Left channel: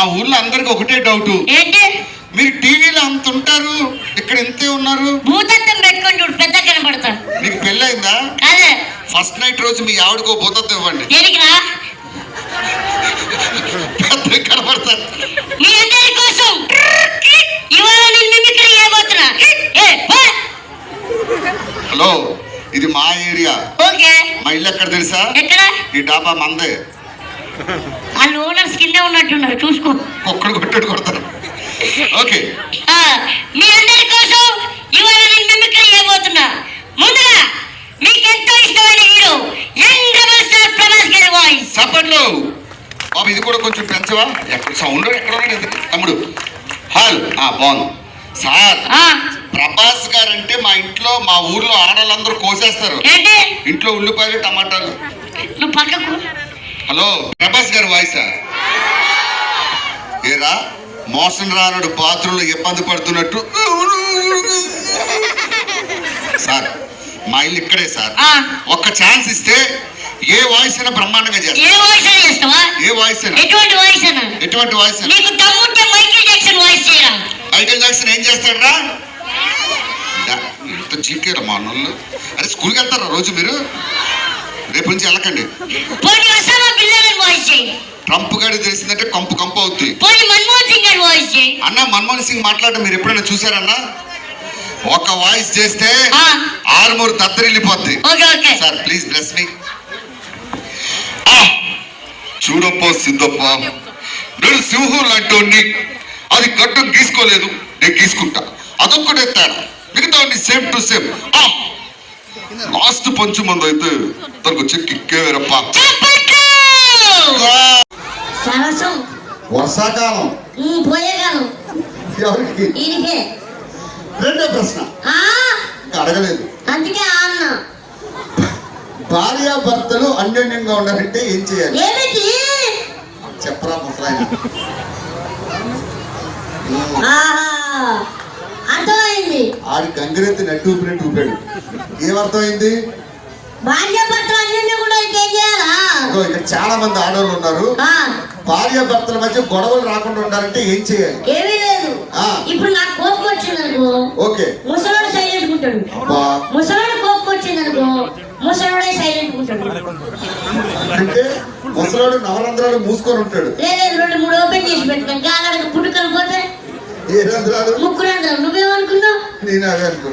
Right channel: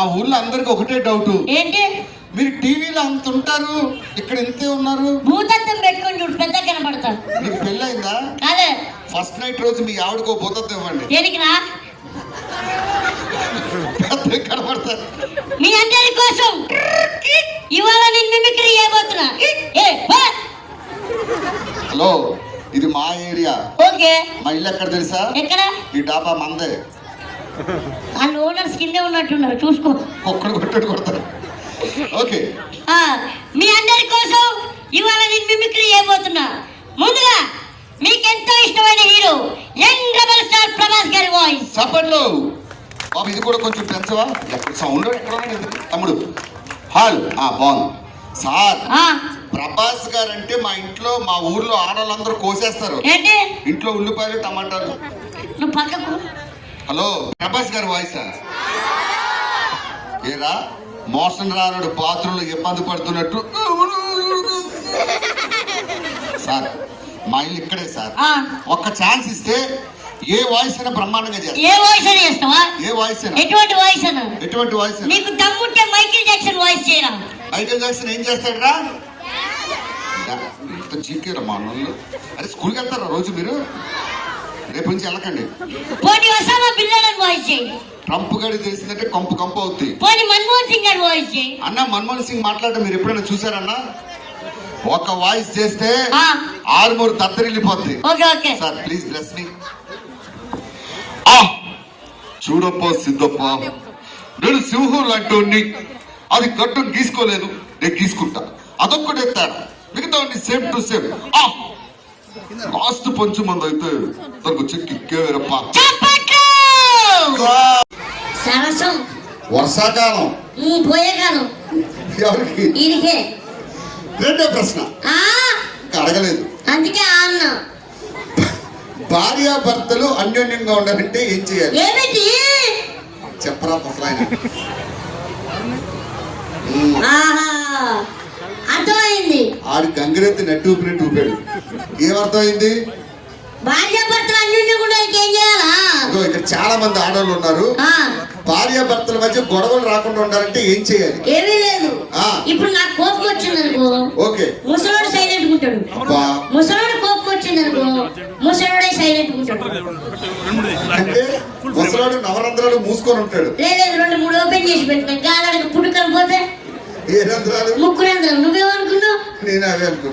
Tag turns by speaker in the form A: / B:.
A: మా ఊర్లో అందరికి ఒకటే డౌట్.
B: ఏంటి?
A: మీరు టీవీలో అంత ఉంటారు ఇక్కడ ఇంతే ఉన్నారు.
B: భూతత్వం పెట్టుకొని చూడు పెద్ద కనపడతాను
A: మీకు పెళ్ళైందా
B: అదే
A: ఫస్ట్ నైట్ రోజు మీ ఆవిడకో భూతత్వం ఇవ్వండి.
B: దేనికిరా
A: పెద్ద కనబడతారు
B: మీ అందరి కోసం. ఇవాళ నేను మిమిక్రీ చేయబోతున్నా. ఏ, పో.
A: హలో ఇది మా ఏరియా.
B: ఓకే.
A: మా ఇల్లు ఎక్కడ తెలుసా?
B: ఎక్కడ?
A: ఈ డాబా మందే.
B: వాళ్ళు ఓనర్స్ కిందే ఉన్నట్టున్నారు చూసుకో.
A: ఒక్కడు కొట్టాడు కొడతారు ఓకే.
B: ఆ, మీ అందరి కోసం ఇవాళ నేను మిమిక్రీ చేయబోతున్నా. ముందుగా మీకు ఎంతో ఇష్టమైన hero young rebel star Prabhas గారి వాయిస్.
A: చప్పట్లు బాబు ఇది కూడా కొంచెం పెంచవా ఎక్కడ సౌండ్ ఎక్కడ ఉన్నాడు? తమ్ముడు హాల్. ఆ బాగుంది. సార్
B: ఆ,
A: ప్రభాస్ గారు అంటే మా ఇంట్లో మా ఊర్లో ఆడవాళ్ళందరూ కోసేస్తారు. ఇంట్లో ఉల్లిపాయలు టమాటాలు.
B: నువ్వు పక్కకు
A: హలో ప్రభాస్ గారి వాయిసా ఏరా మోసం రానుడు పాత్రలో ఇబ్బంది పడుతున్నట్టు సార్ మా ఇల్లు ఇక్కడే సార్. ఒక్క ఛాన్స్ ఇస్తే ఏ వాయిస్ అయినా బ్రహ్మాండంగా చేస్తా.
B: ఏ వాయిస్ అని చేస్తావా?
A: ఏ వాయిస్ అయినా.
B: ఎటువంటి వాయిస్ అన్నా
A: ఎటువంటి వాయిస్ అయినా.
B: నీకు దమ్ముంటే మైకిల్ జాక్సన్ వాయిస్ చేయరా?
A: మైకేల్ జాక్సన్ ఏం చేస్తాడరా? ఇంత చీకేరా మా అన్నలు అరే స్కూల్కి వెళ్తారా రోజు మీరు? రేపు నుంచి వెళ్ళకండి.
B: పోనీ ఒసామా వాయిస్ చేయి?
A: ట్రంప్ గారి తెలిసిందంటే కంపు కంపు అవుద్ది.
B: పోనీ మన్మోహన్ సింగ్ గారి వాయిస్ చేయి.
A: అన్న మన్మోహన్ సింగ్ మాట్లాడడం మీరు ఎప్పుడైనా చూసారన్నా? ఒక వాయిస్ చేస్తే
B: ఆ.
A: ఆరుమూరు దద్దరిల్లిపోద్ది.
B: Okay okay.
A: Sir please bless me చూడప్ప Siddappa. నేను సింహం లాంటి అది గడ్డం గీసుకోలేదు నేను గీసుకుంటా. అదొక్కటే తేడా. మిగతా సేమ్ టు సేమ్ లాస్ట్ పంచు మంది అయితే తనకు చెక్ ఇక్కేవేరప్ప
B: చప్పట్లు సరసం
A: వర్షాకాలం.
B: ఉమ్, పోయే కాలం
A: ఎవరికి?
B: ఈయనకే.
A: రెండో ప్రశ్న.
B: ఆ,
A: ఇంకా అడగలేదు.
B: అందుకే ఆ అన్న.
A: భార్యాభర్తలు అన్యోన్యంగా ఉండాలంటే ఏం చేయాలి?
B: ఏమిటి?
A: చెప్పరా ముసలాయన.
B: ఆహా. అర్థమైంది.
A: ఆడి గంగిరెత్తి నట్టు ఊపినట్టు ఊపాడు ఏమర్థమైంది?
B: భార్య భర్తలు
A: ఇక్కడ చాలా మంది ఆడవాళ్ళు ఉన్నారు.
B: ఆ,
A: భార్యాభర్తల మధ్య గొడవలు రాకుండా ఉండాలంటే ఏం చేయాలి?
B: ఏమీ లేదు. ఇప్పుడు నాకు కోపం
A: ఓకే.
B: ముసలోడు సైలెంట్ ఉంటాడు.
A: అబ్బా.
B: ముసలోడు కోపం వచ్చిందనుకో ముసలోడే సైలెంట్ ఉంటాడు.
A: అంటే ముసలాడు నవరంధ్రాలు మూసుకొని ఉంటాడు.
B: లేదు రెండు మూడు ఓపెన్ చేసి పెట్టుకోండి పుట్టుకొని పోతే
A: ఏ రంధ్రాలు?
B: నువ్వేమనుకున్నావు?
A: నేను అవే అనుకున్నా.